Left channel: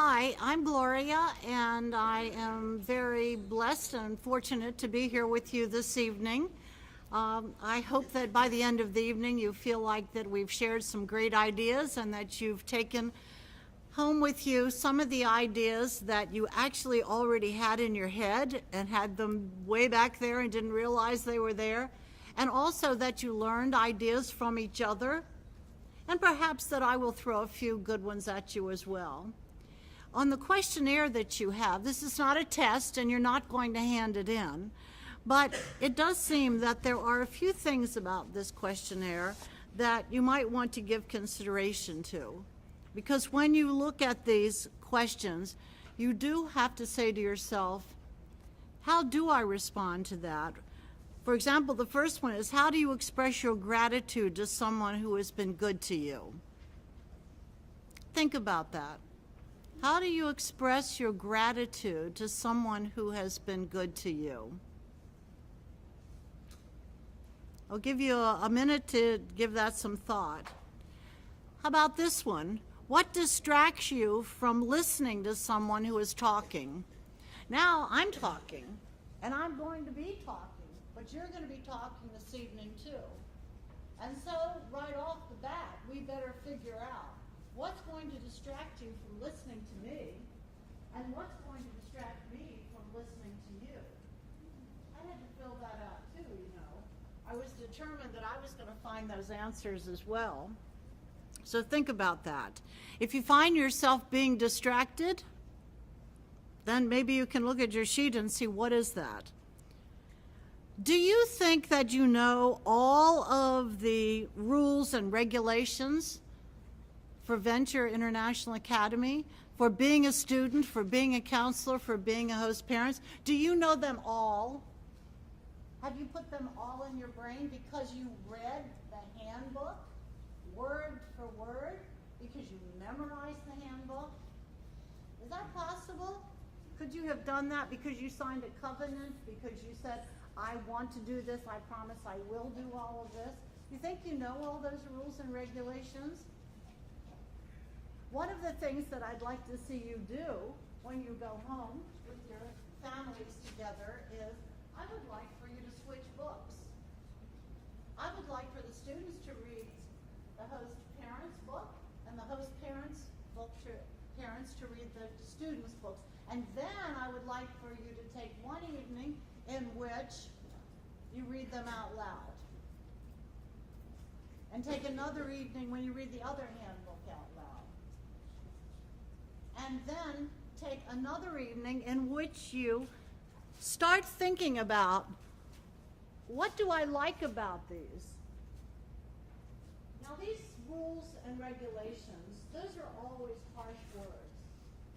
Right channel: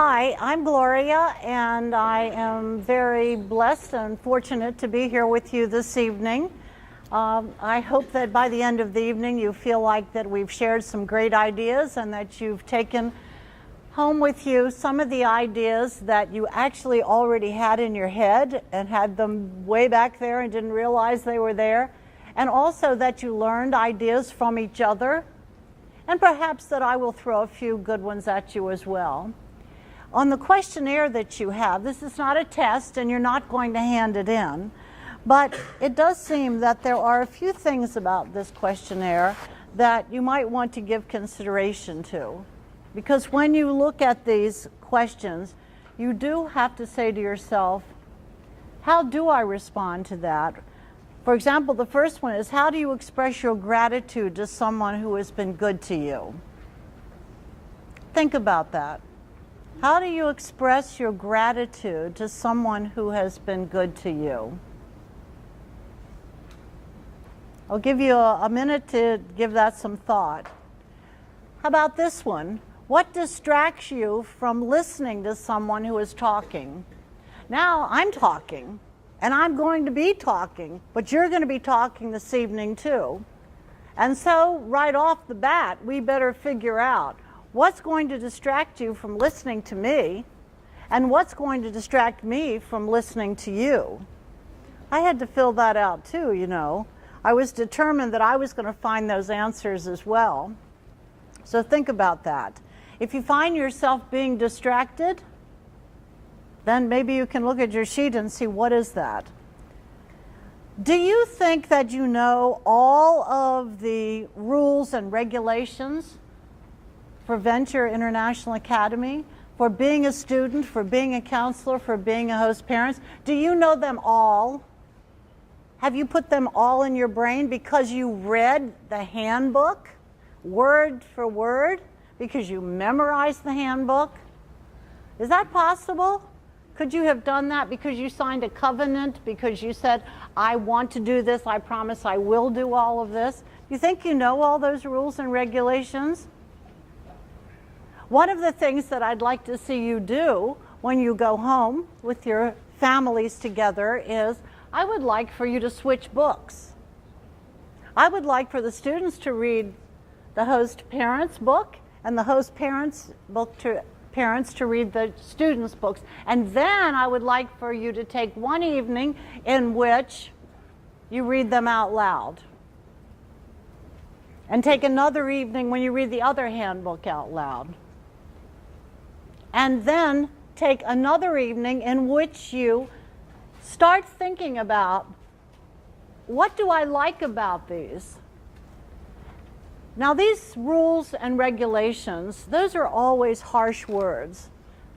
Hi, I'm Gloria, and I am very blessed and fortunate to be here with you this evening. I hope that by the end of the evening you feel like that we've shared some great ideas and that you've taken home with you some of the ideas that you actually already had in your head and had them way back there and didn't realize they were there, and also that you learned ideas from each other, and perhaps that I will throw a few good ones at you as well. On the questionnaire that you have, this is not a test and you're not going to hand it in, but it does seem that there are a few things about this questionnaire that you might want to give consideration to. Because when you look at these questions, you do have to say to yourself, how do I respond to that? For example, the first one is, how do you express your gratitude to someone who has been good to you? Think about that. How do you express your gratitude to someone who has been good to you? I'll give you a minute to give that some thought. How about this one? What distracts you from listening to someone who is talking? Now, I'm talking, and I'm going to be talking, but you're going to be talking this evening too. And so, right off the bat, we better figure out what's going to distract you from listening to me, and what's going to distract me from listening to you? I had to fill that out too, you know. I was determined that I was going to find those answers as well. So think about that. If you find yourself being distracted, then maybe you can look at your sheet and see what is that. Do you think that you know all of the rules and regulations for Venture International Academy, for being a student, for being a counselor, for being a host parent? Do you know them all? Have you put them all in your brain because you read the handbook word for word, because you memorized the handbook? Is that possible? Could you have done that because you signed a covenant, because you said, I want to do this, I promise I will do all of this? You think you know all those rules and regulations? One of the things that I'd like to see you do when you go home with your families together is, I would like for you to switch books. I would like for the students to read the host parents book, and the host parents book to parents to read the students' books. And then I would like for you to take one evening in which you read them out loud. And take another evening when you read the other handbook out loud. And then take another evening in which you start thinking about, what do I like about these? Now, these rules and regulations, those are always harsh words.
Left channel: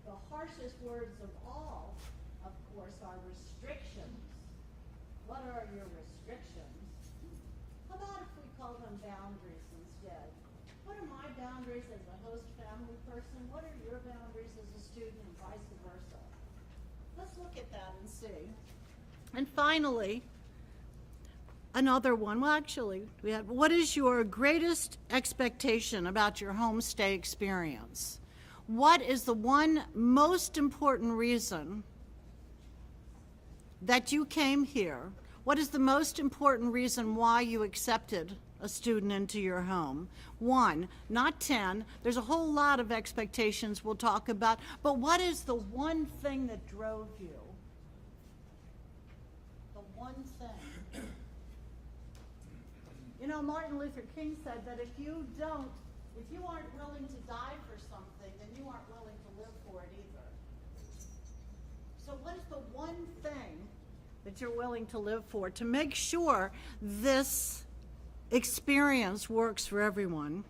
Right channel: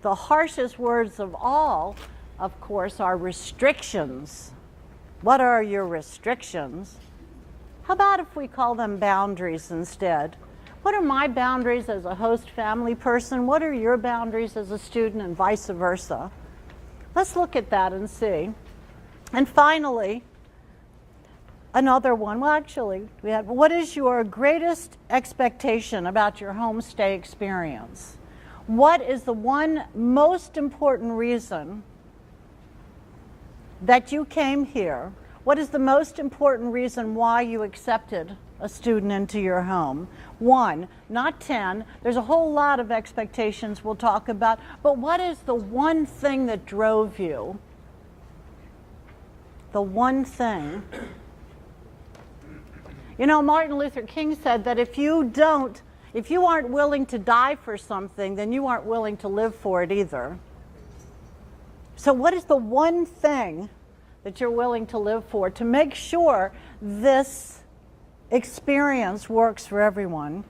The harshest words of all, of course, are restrictions. What are your restrictions? How about if we call them boundaries instead? What are my boundaries as a host family person? What are your boundaries as a student, and vice versa? Let's look at that and see. And finally, another one. Well, actually, what is your greatest expectation about your homestay experience? What is the one most important reason that you came here? What is the most important reason why you accepted a student into your home? 1, not 10. There's a whole lot of expectations we'll talk about, but what is the one thing that drove you? The one thing. You know, Martin Luther King said that if you aren't willing to die for something, then you aren't willing to live for it either. So what is the one thing that you're willing to live for to make sure this experience works for everyone?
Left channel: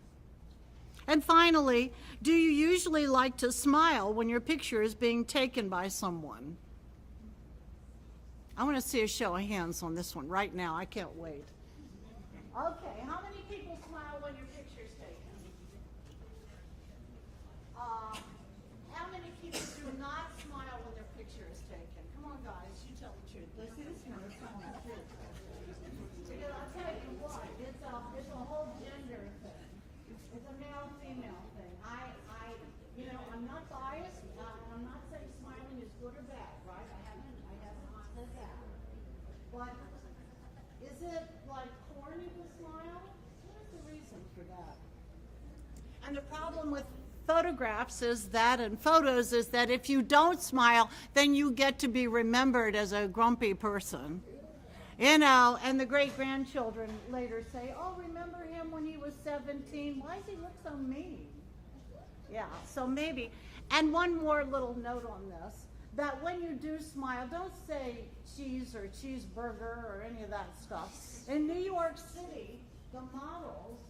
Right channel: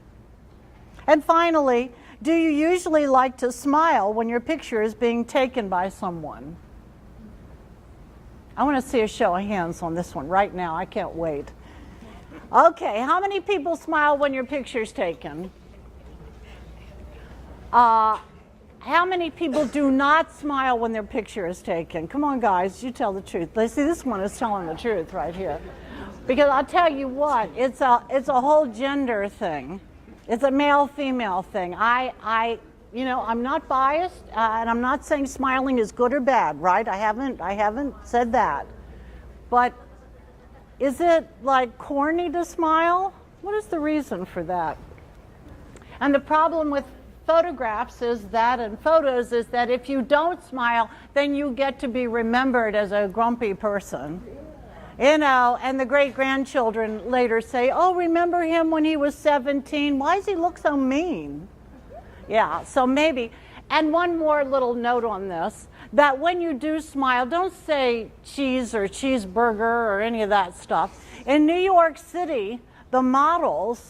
And finally, do you usually like to smile when your picture is being taken by someone? I want to see a show of hands on this one right now. I can't wait. Okay, how many people smile when your picture's taken? How many people do not smile when their picture is taken? Come on, guys, you tell the truth. See, this one is telling the truth right here. Because I'll tell you what, it's a whole gender thing. It's a male-female thing. I I'm not biased, and I'm not saying smiling is good or bad, right? I haven't said that. But is it like corny to smile? What is the reason for that? And the problem with photographs is that, and photos is that if you don't smile, then you get to be remembered as a grumpy person. And the great-grandchildren later say, oh, remember him when he was 17? Why does he look so mean? Yeah, so maybe. And one more little note on this, that when you do smile, don't say cheese or cheeseburger or any of that stuff. In New York City, the models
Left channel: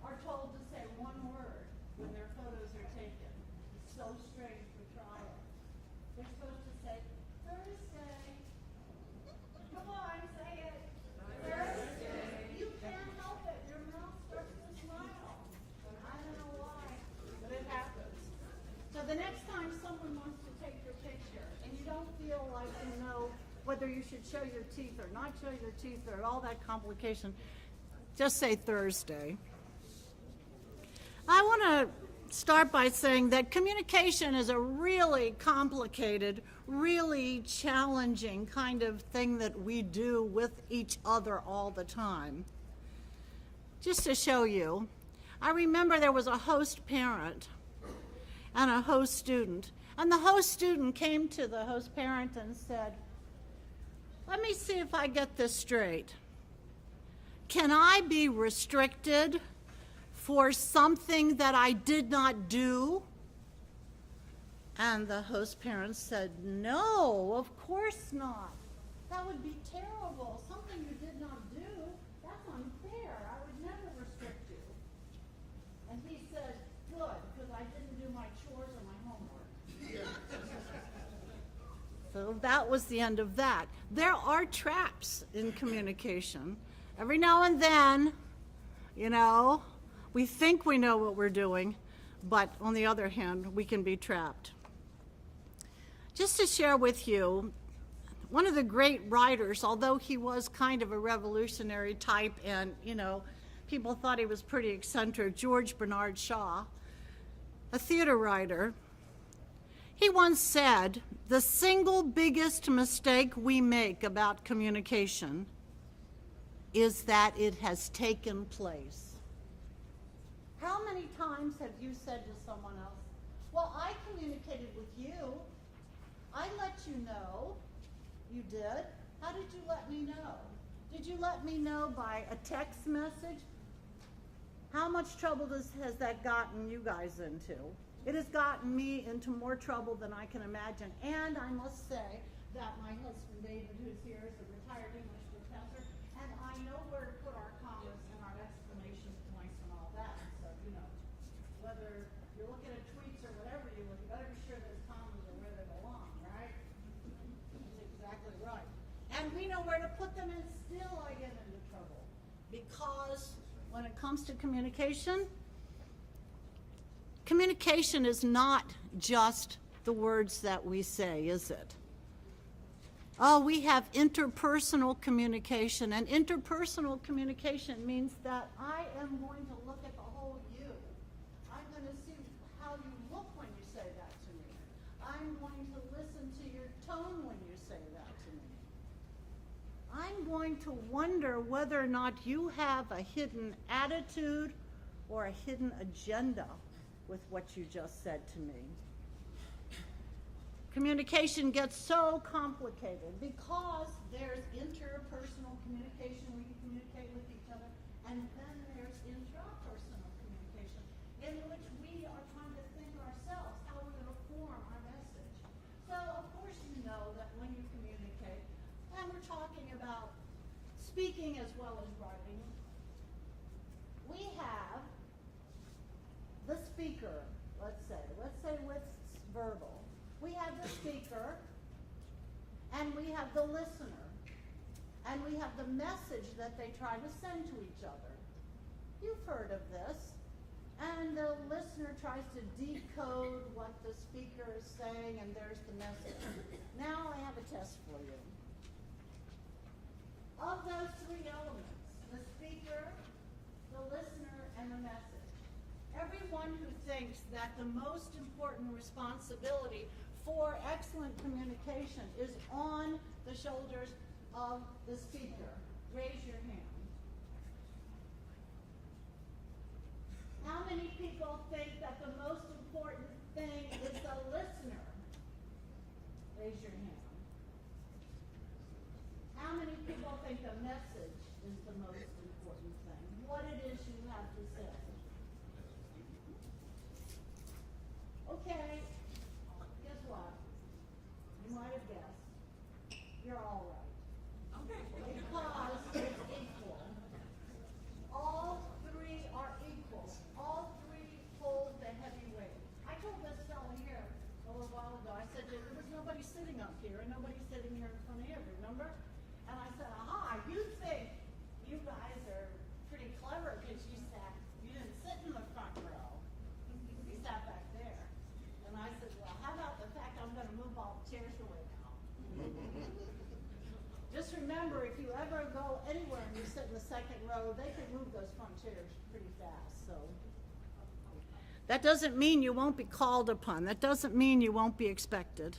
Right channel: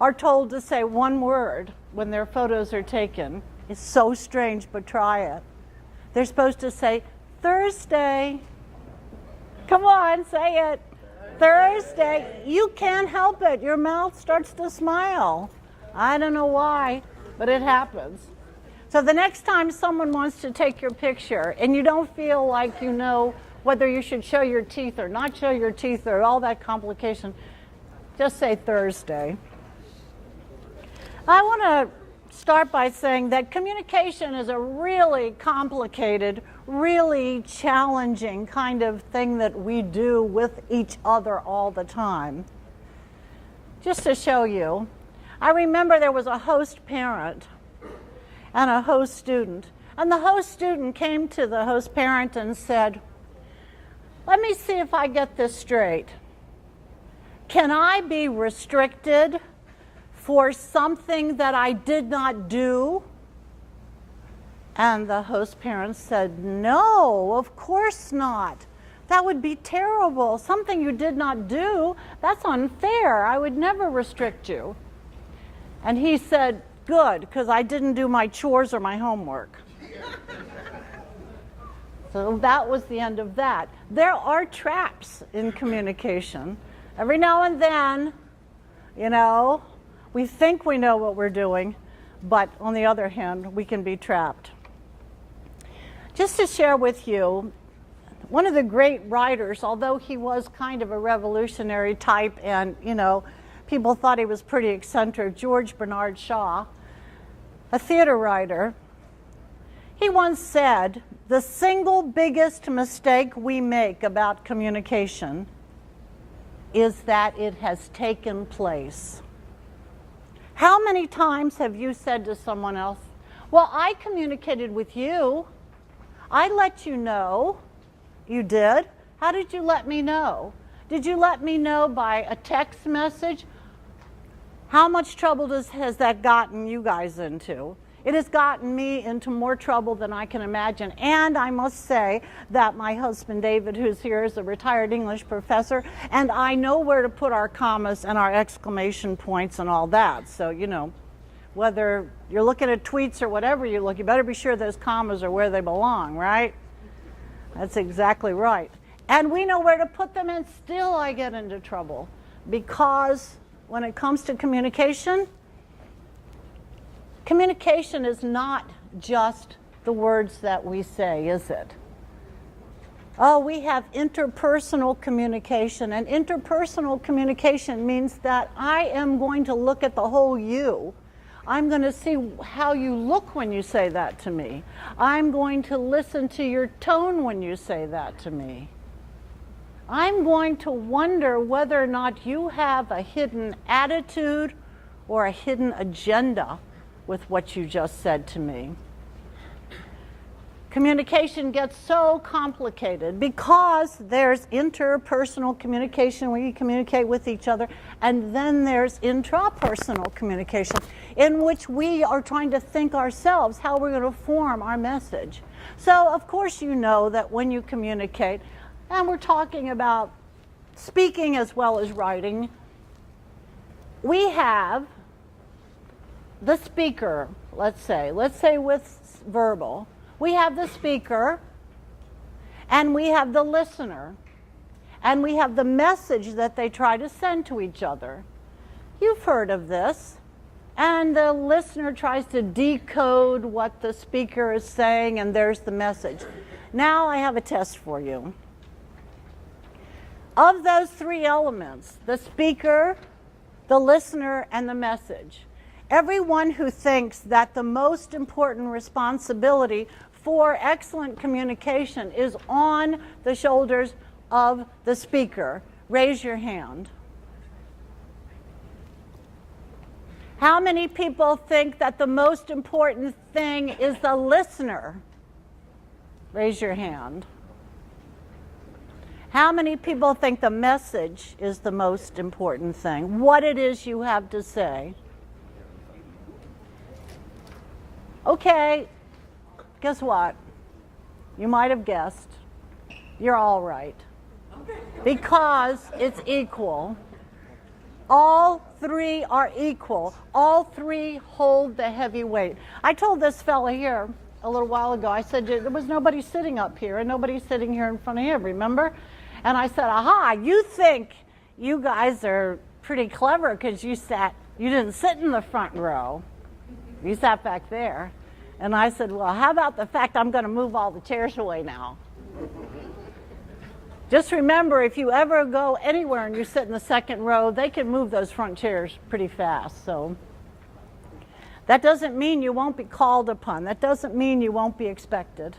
are told to say one word when their photos are taken. It's so strange, but try it. They're supposed to say, Thursday. Come on, say it. Thursday. You can't help it. Your mouth starts to smile. I don't know why, but it happens. So the next time someone wants to take your picture and you don't feel like you know whether you should show your teeth or not show your teeth or all that complication, just say Thursday. I want to start by saying that communication is a really complicated, really challenging kind of thing that we do with each other all the time. Just to show you, I remember there was a host parent and a host student. And the host student came to the host parent and said, let me see if I get this straight. Can I be restricted for something that I did not do? And the host parent said, no, of course not. That would be terrible. Something you did not do, that's unfair. I would never restrict you. And he said, good, because I didn't do my chores or my homework. So that was the end of that. There are traps in communication. Every now and then, we think we know what we're doing, but on the other hand, we can be trapped. Just to share with you, one of the great writers, although he was kind of a revolutionary type and, people thought he was pretty eccentric, George Bernard Shaw, a theater writer, he once said, the single biggest mistake we make about communication is that it has taken place. How many times have you said to someone else, well, I communicated with you. I let you know. You did? How did you let me know? Did you let me know by a text message? How much trouble has that gotten you guys into? It has gotten me into more trouble than I can imagine. And I must say that my husband, David, who's here, is a retired English professor, and I know where to put our commas and our exclamation points and all that. So, whether you're looking at tweets or whatever you look, you better be sure those commas are where they belong, right? That's exactly right. And we know where to put them, and still I get into trouble. Because when it comes to communication, communication is not just the words that we say, is it? Oh, we have interpersonal communication, and interpersonal communication means that I am going to look at the whole you. I'm going to see how you look when you say that to me. I'm going to listen to your tone when you say that to me. I'm going to wonder whether or not you have a hidden attitude or a hidden agenda with what you just said to me. Communication gets so complicated because there's interpersonal communication where you communicate with each other, and then there's intrapersonal communication in which we are trying to think ourselves how we're going to form our message. So, of course, you know that when you communicate, and we're talking about speaking as well as writing, we have the speaker, let's say with verbal, we have the speaker, and we have the listener, and we have the message that they try to send to each other. You've heard of this. And the listener tries to decode what the speaker is saying, and there's the message. Now I have a test for you. Of those three elements, the speaker, the listener, and the message, Everyone who thinks that the most important responsibility for excellent communication is on the shoulders of the speaker, raise your hand. How many people think that the most important thing is the listener? Raise your hand. How many people think the message is the most important thing? What it is you have to say? Okay, guess what? You might have guessed. You're all right. Because it's equal. All three are equal. All three hold the heavy weight. I told this fella here a little while ago, I said, there was nobody sitting up here and nobody sitting here in front of him, remember? And I said, aha, you think you guys are pretty clever because you didn't sit in the front row. You sat back there. And I said, well, how about the fact I'm going to move all the chairs away now? Just remember, if you ever go anywhere and you sit in the second row, they can move those front chairs pretty fast. So that doesn't mean you won't be called upon. That doesn't mean you won't be expected.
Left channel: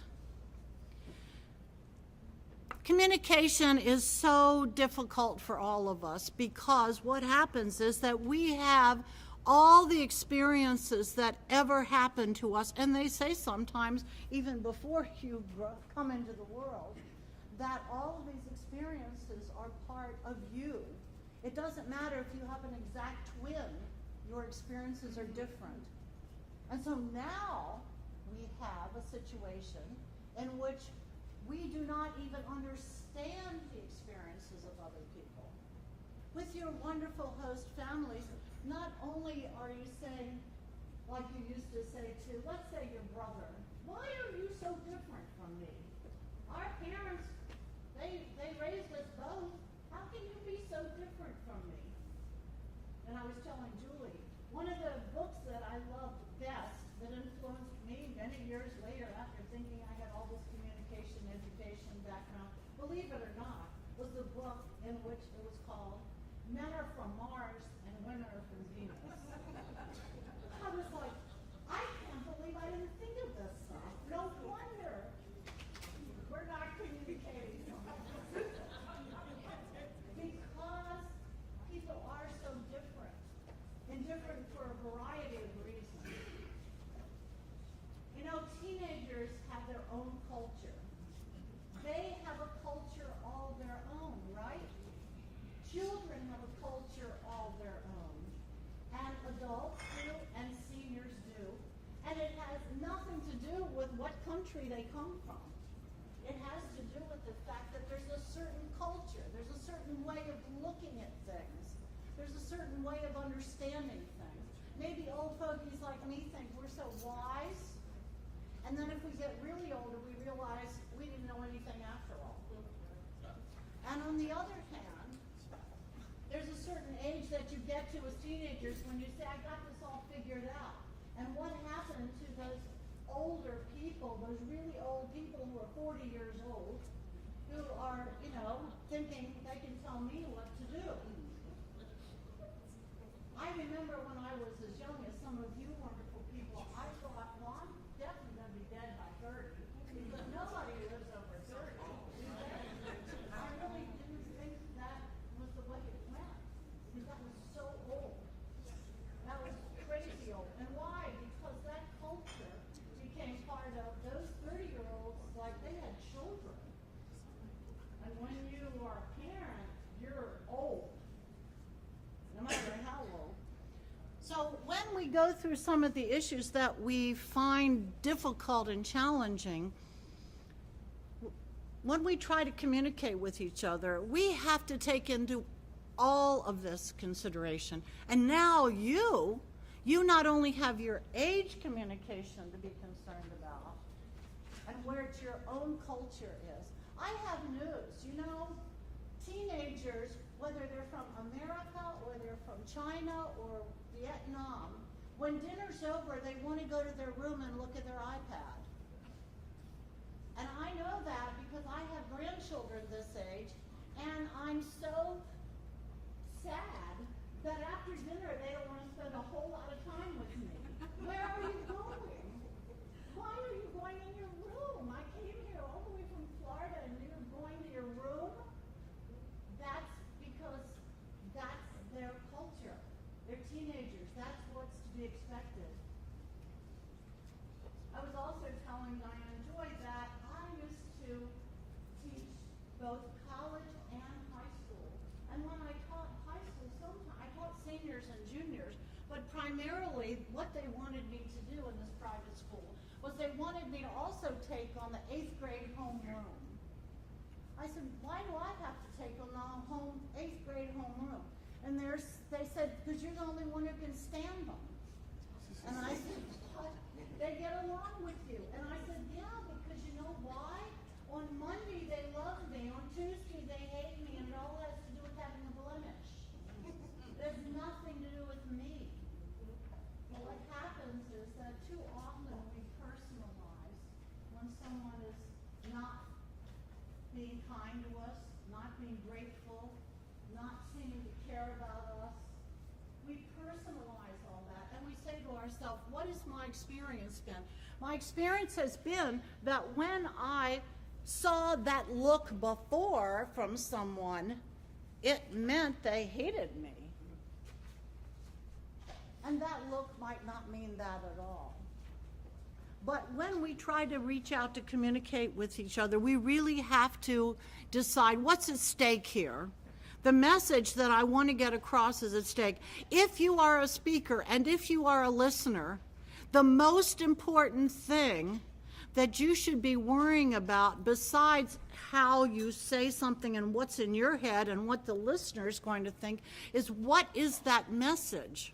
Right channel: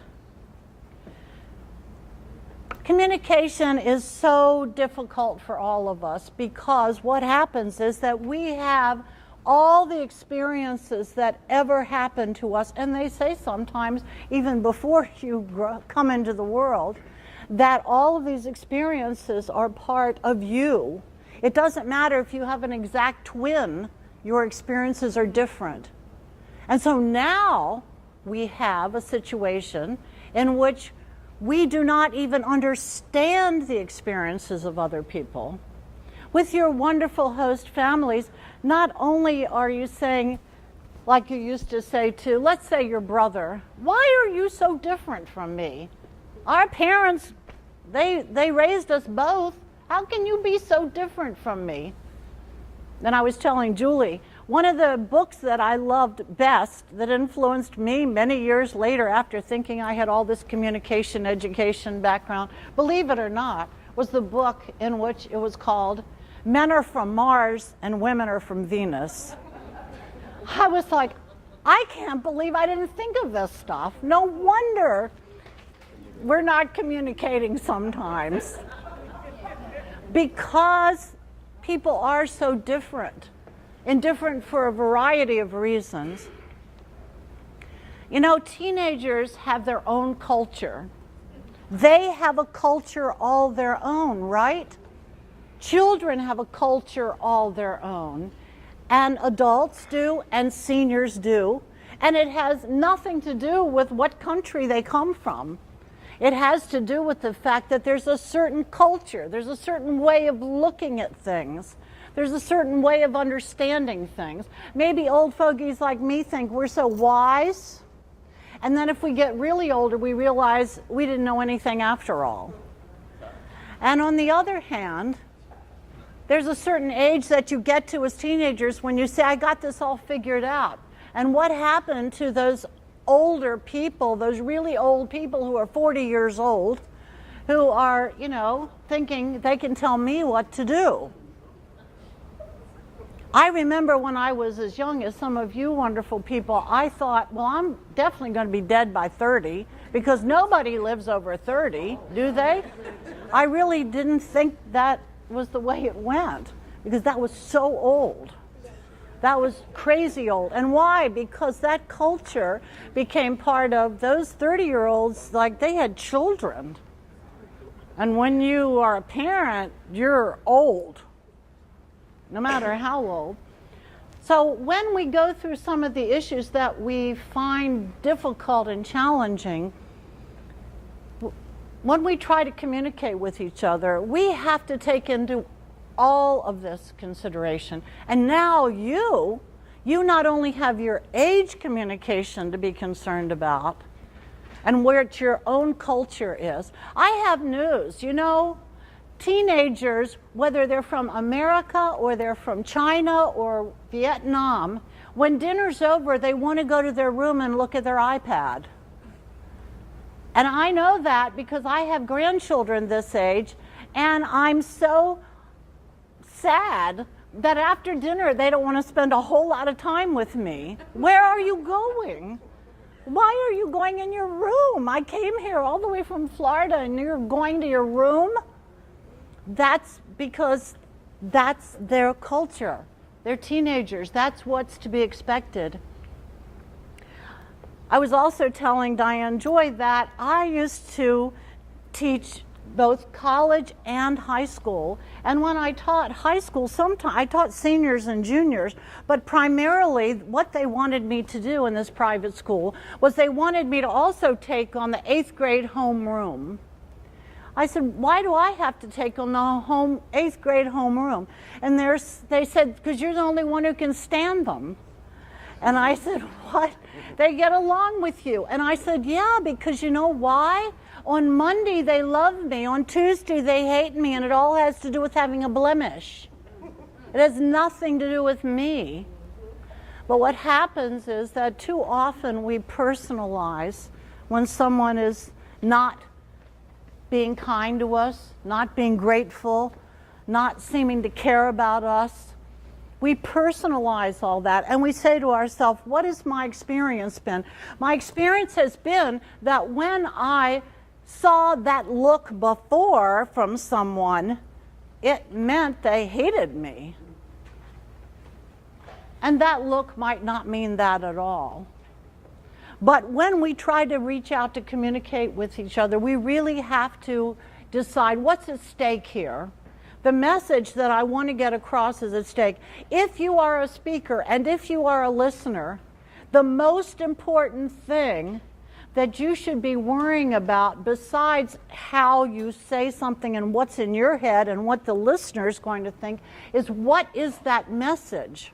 Communication is so difficult for all of us because what happens is that we have all the experiences that ever happened to us, and they say sometimes even before you come into the world, that all of these experiences are part of you. It doesn't matter if you have an exact twin, your experiences are different. And so now we have a situation in which we do not even understand the experiences of other people. With your wonderful host families, not only are you saying, like you used to say to, let's say your brother, why are you so different from me? Our parents, they raised us both. How can you be so different from me? Then I was telling Julie, one of the books that I loved best that influenced me many years later after thinking I had all this communication education background, believe it or not, was the book in which it was called Men Are From Mars and Women Are From Venus. I was like, I can't believe I didn't think of this stuff. No wonder we're not communicating sometimes. Because people are so different, and different for a variety of reasons. You know, teenagers have their own culture. They have a culture all their own, right? Children have a culture all their own, and adults do, and seniors do, and it has nothing to do with what country they come from. It has to do with the fact that there's a certain culture, there's a certain way of looking at things, there's a certain way of understanding things. Maybe old fogies like me think we're so wise, and then if we get really older, we realize we didn't know anything after all. And on the other hand, there's a certain age that you get to as teenagers when you say, I got this all figured out. And what happened to those older people, those really old people who are 40 years old, who are, you know, thinking they can tell me what to do? I remember when I was as young as some of you wonderful people, I thought, well, I'm definitely going to be dead by 30, because nobody lives over 30, do they? I really didn't think that was the way it went, because that was so old. That was crazy old. And why? Because that culture became part of those 30-year-olds, like they had children. And when you are a parent, you're old, no matter how old. So when we go through some of the issues that we find difficult and challenging, when we try to communicate with each other, we have to take into all of this consideration. And now you not only have your age communication to be concerned about and what your own culture is. I have news, you know, teenagers, whether they're from America or they're from China or Vietnam, when dinner's over, they want to go to their room and look at their iPad. And I know that because I have grandchildren this age, and I'm so sad that after dinner they don't want to spend a whole lot of time with me. Where are you going? Why are you going in your room? I came here all the way from Florida and you're going to your room? That's because that's their culture. They're teenagers. That's what's to be expected. I was also telling Diane Joy that I used to teach both college and high school. And when I taught high school, sometimes I taught seniors and juniors, but primarily what they wanted me to do in this private school was they wanted me to also take on the 8th grade homeroom. I said, why do I have to take on the 8th grade homeroom? And they said, because you're the only one who can stand them. And I said, what? They get along with you. And I said, yeah, because you know why? On Monday, they love me. On Tuesday, they hate me. And it all has to do with having a blemish. It has nothing to do with me. But what happens is that too often we personalize when someone is not being kind to us, not being grateful, not seeming to care about us. We personalize all that and we say to ourselves, what has my experience been? My experience has been that when I saw that look before from someone, it meant they hated me. And that look might not mean that at all. But when we try to reach out to communicate with each other, we really have to decide what's at stake here. The message that I want to get across is at stake. If you are a speaker and if you are a listener, the most important thing that you should be worrying about, besides how you say something and what's in your head and what the listener is going to think, is what is that message?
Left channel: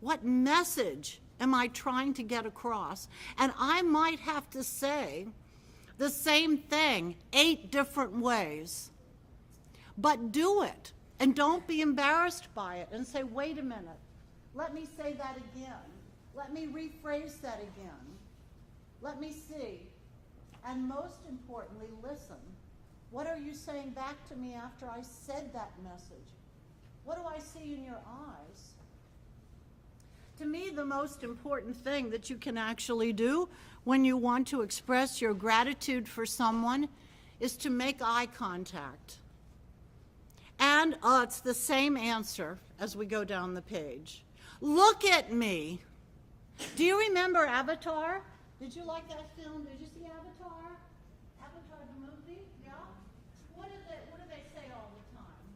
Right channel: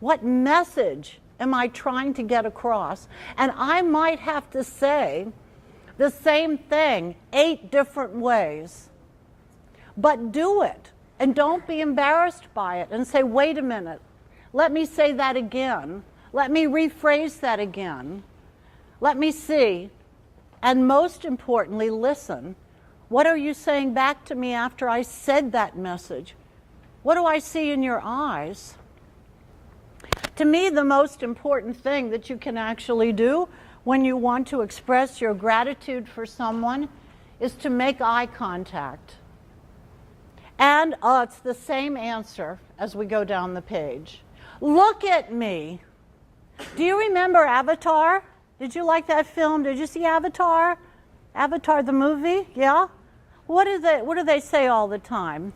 What message am I trying to get across? And I might have to say the same thing 8 different ways. But do it, and don't be embarrassed by it, and say, wait a minute, let me say that again. Let me rephrase that again. Let me see. And most importantly, listen. What are you saying back to me after I said that message? What do I see in your eyes? To me, the most important thing that you can actually do when you want to express your gratitude for someone is to make eye contact. And it's the same answer as we go down the page. Look at me. Do you remember Avatar? Did you like that film? Did you see Avatar? Avatar the movie? Yeah? What do they say all the time?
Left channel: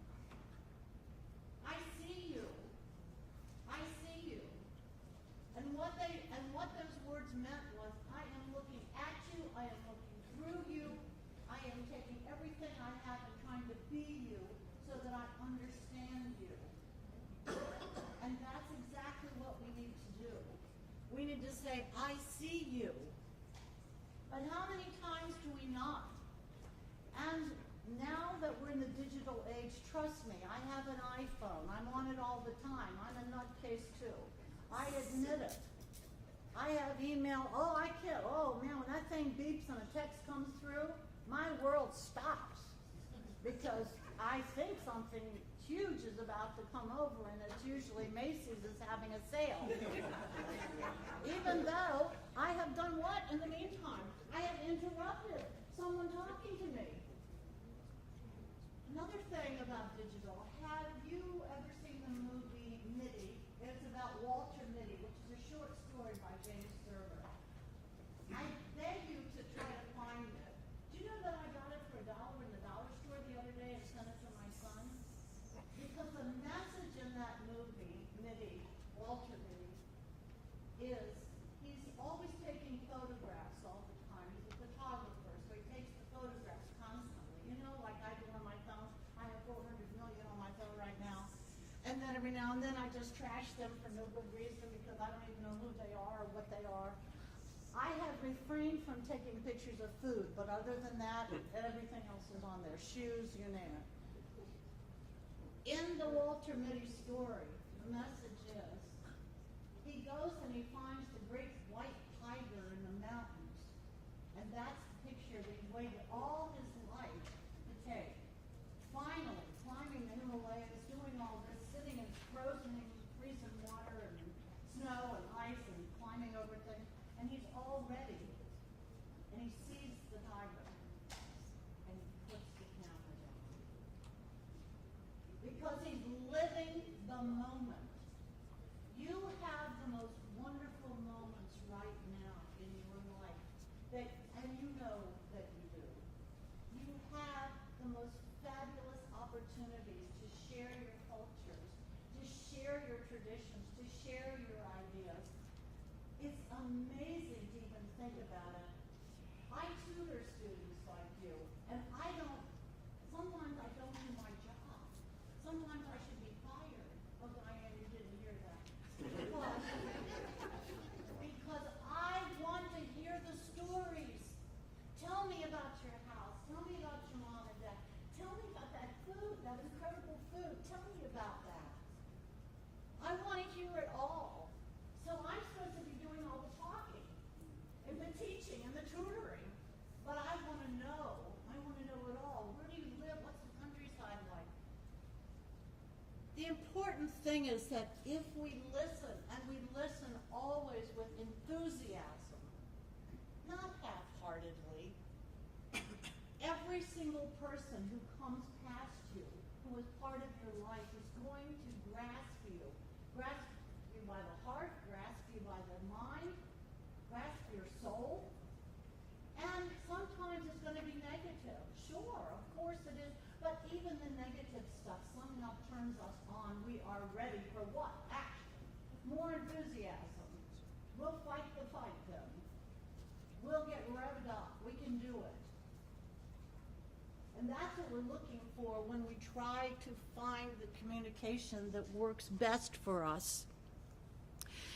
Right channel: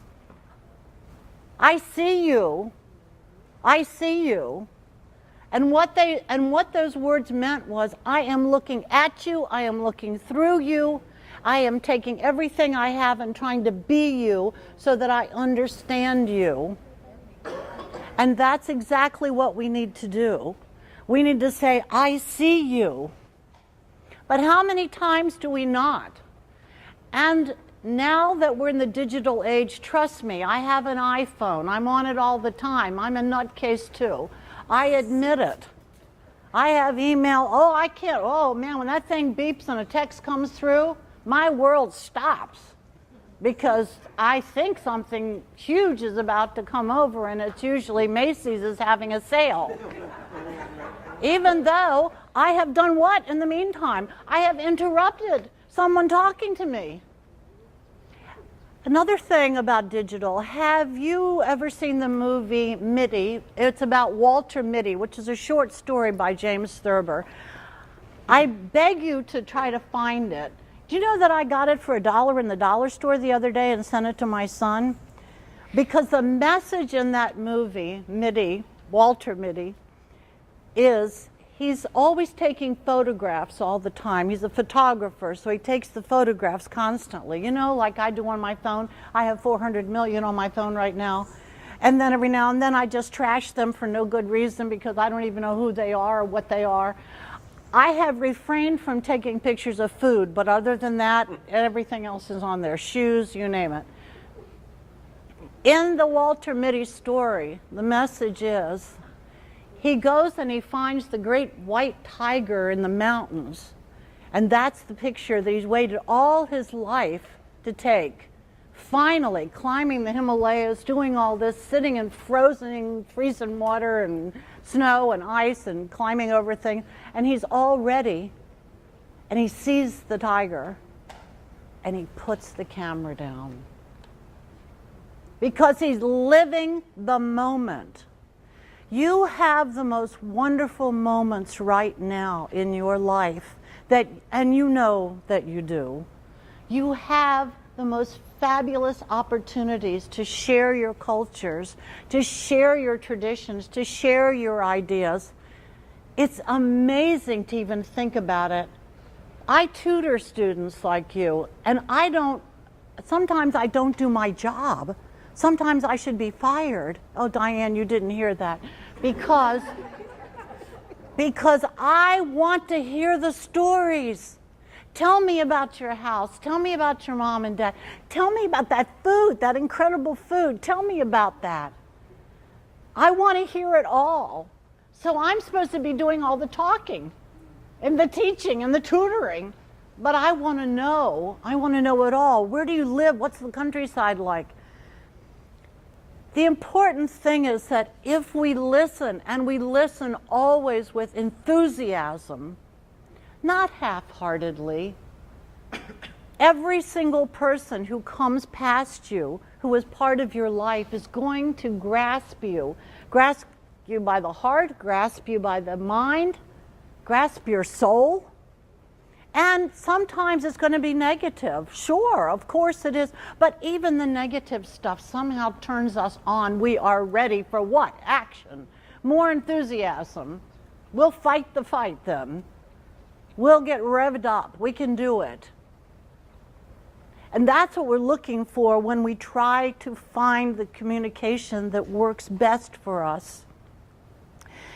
I see you. I see you. And what those words meant was, I am looking at you, I am looking through you, I am taking everything I have and trying to be you so that I understand you. And that's exactly what we need to do. We need to say, I see you. But how many times do we not? And now that we're in the digital age, trust me, I have an iPhone. I'm on it all the time. I'm a nutcase too. I admit it. I have email. Oh, I can't. Oh, man, when that thing beeps and a text comes through, my world stops because I think something huge is about to come over, and it's usually Macy's is having a sale. Even though I have done what in the meantime? I have interrupted someone talking to me. Another thing about digital, have you ever seen the movie Mitty? It's about Walter Mitty, which is a short story by James Thurber. I beg you to try to find it. Do you know that I got it for $1 in the dollar store the other day and sent it to my son? Because the message in that movie, Mitty, Walter Mitty, is he's always taking photographs all the time. He's a photographer, so he takes the photographs constantly. You know, like I do on my phone. I have 400 million on my phone right now. And then every now and then I just trash them for no good reason because I don't even know who they are or what they are. I have refrained from taking pictures of food, but other than that, everything else is on there. Shoes, you name it. In the Walter Mitty story, the message is, he goes and he finds the great white tiger in the mountains. And that's the picture that he's waited all his life to take. finally climbing the Himalayas, doing all this, sitting in freezing water and snow and ice and climbing over things, and he's all ready, and he sees the tiger, and he puts the camera down. Because he's living the moment. You have the most wonderful moments right now in your life, and you know that you do. You have the most fabulous opportunities to share your cultures, to share your traditions, to share your ideas. It's amazing to even think about it. I tutor students like you, and sometimes I don't do my job. Sometimes I should be fired. Oh, Diane, you didn't hear that. Because I want to hear the stories. Tell me about your house. Tell me about your mom and dad. Tell me about that food, that incredible food. Tell me about that. I want to hear it all. So I'm supposed to be doing all the talking and the teaching and the tutoring. But I want to know. I want to know it all. Where do you live? What's the countryside like? The important thing is that if we listen, and we listen always with enthusiasm, not half-heartedly, every single person who comes past you, who is part of your life, is going to grasp you by the heart, grasp you by the mind, grasp your soul. And sometimes it's going to be negative. Sure, of course it is. But even the negative stuff somehow turns us on. We are ready for what? Action. More enthusiasm. We'll fight the fight then. We'll get revved up. We can do it. And that's what we're looking for when we try to find the communication that works best for us.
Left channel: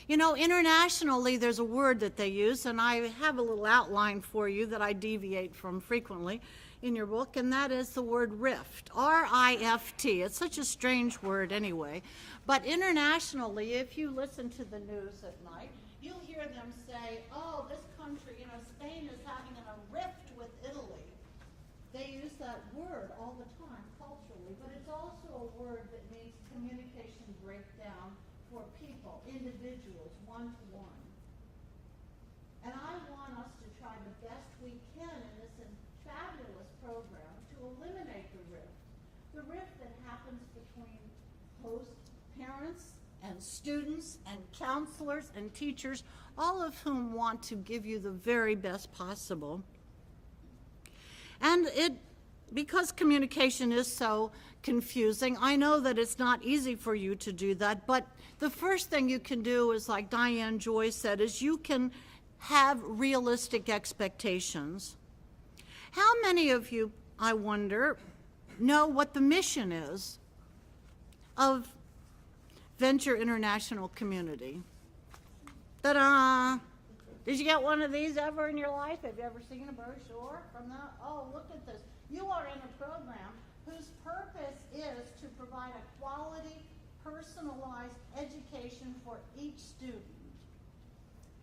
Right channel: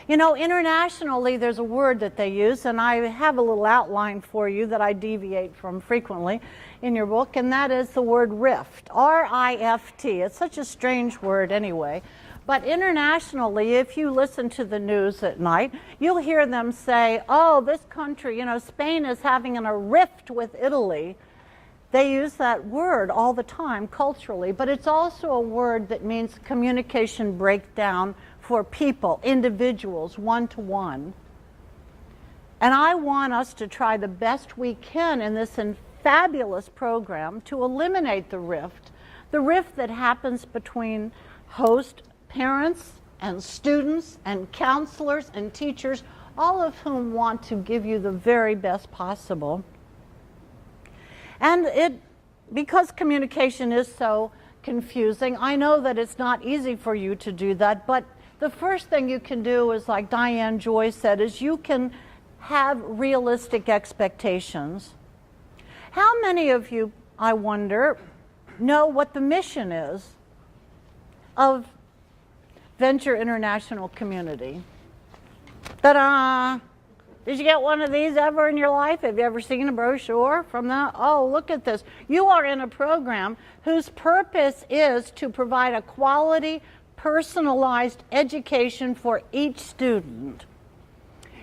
You know, internationally, there's a word that they use, and I have a little outline for you that I deviate from frequently in your book, and that is the word rift, R-I-F-T. It's such a strange word anyway. But internationally, if you listen to the news at night, you'll hear them say, oh, this country, you know, Spain is having a rift with Italy. They use that word all the time culturally, but it's also a word that means communication breakdown for people, individuals, one-to-one. And I want us to try the best we can in this fabulous program to eliminate the rift that happens between host parents and students and counselors and teachers, all of whom want to give you the very best possible. And because communication is so confusing, I know that it's not easy for you to do that, but the first thing you can do is, like Diane Joy said, is you can have realistic expectations. How many of you, I wonder, know what the mission is of Venture International Community? Ta-da! Did you get one of these ever in your life? Have you ever seen a brochure from that? Oh, look at this. You are in a program whose purpose is to provide a quality, personalized education for each student.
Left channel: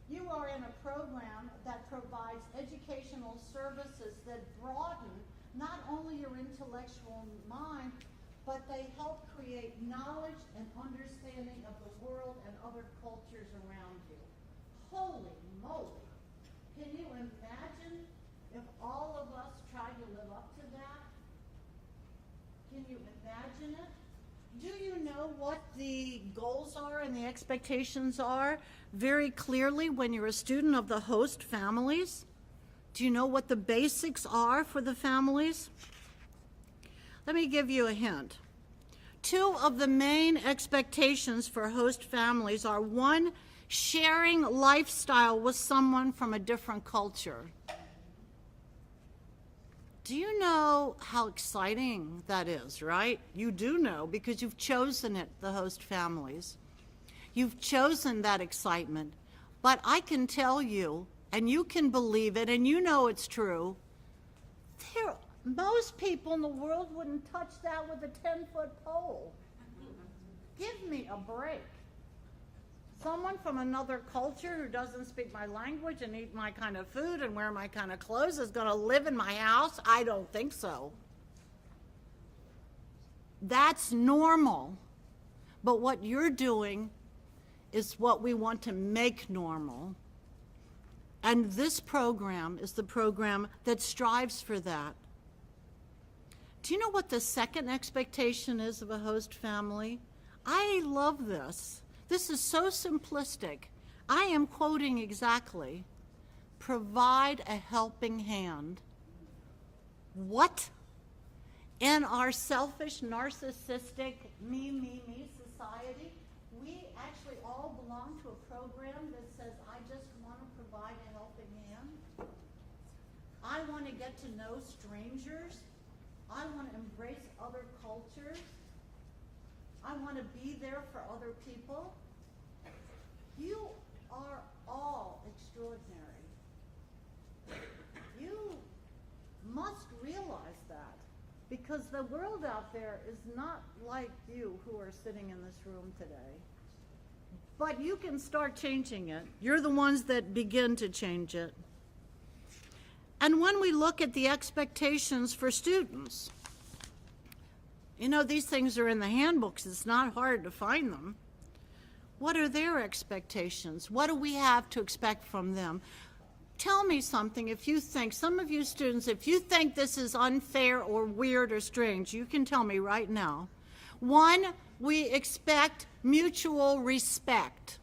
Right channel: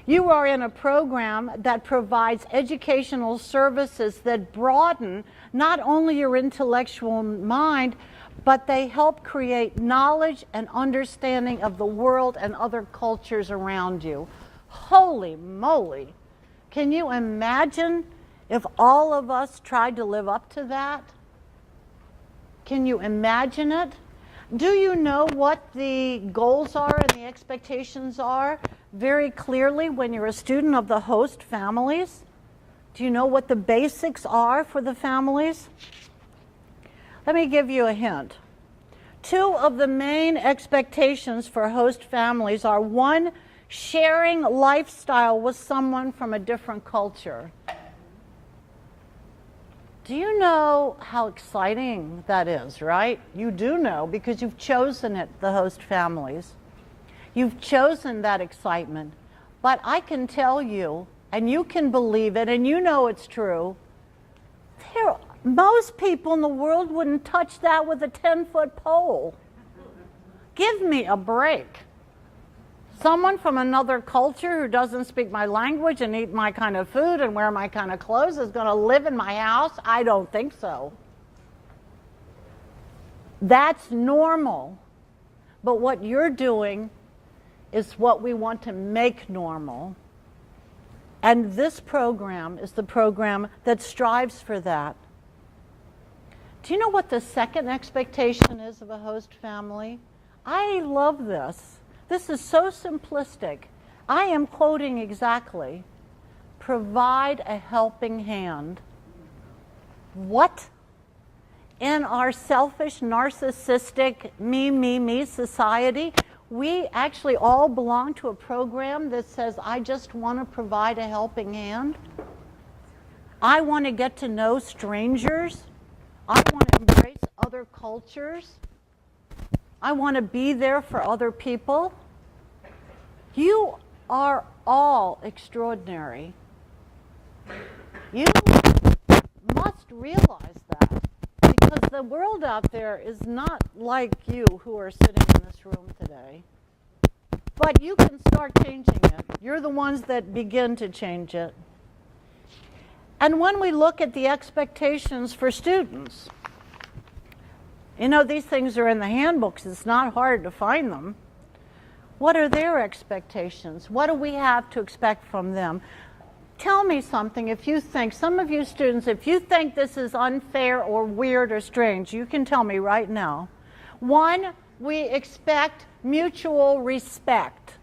You are in a program that provides educational services that broaden not only your intellectual mind, but they help create knowledge and understanding of the world and other cultures around you. Holy moly! Can you imagine if all of us tried to live up to that? Can you imagine it? Do you know what the goals are and the expectations are very clearly when you're a student of the host families? Do you know what the basics are for the families? Let me give you a hint. Two of the main expectations for host families are, one, sharing lifestyle with someone from a different culture. Do you know how exciting that is, right? You do know because you've chosen it, the host families. You've chosen that excitement. But I can tell you, and you can believe it, and you know it's true, most people in the world wouldn't touch that with a 10-foot pole. Give me a break. Someone from another culture who doesn't speak my language and eat my kind of food and wear my kind of clothes is going to live in my house? I don't think so. That's normal. But what you're doing is what we want to make normal. And this program is the program that strives for that. Do you know what the second expectation is of a host family? I love this. This is so simplistic. I am quoting exactly. Provide a helping hand. What? In our selfish, narcissistic, me society, we actually all belong to a program that says, I just want to provide a helping hand. I want to get to know strangers. I want to embrace other cultures. I want to be there for other people. You are all extraordinary. You must realize that, because the world out there is not like you who are sitting in this room today. But you can start changing it. You're the ones that begin to change it. And when we look at the expectations for students, you know, these things are in the handbooks. It's not hard to find them. What are their expectations? What do we have to expect from them? Tell me something if you think, some of you students, if you think this is unfair or weird or strange, you can tell me right now. One, we expect mutual respect.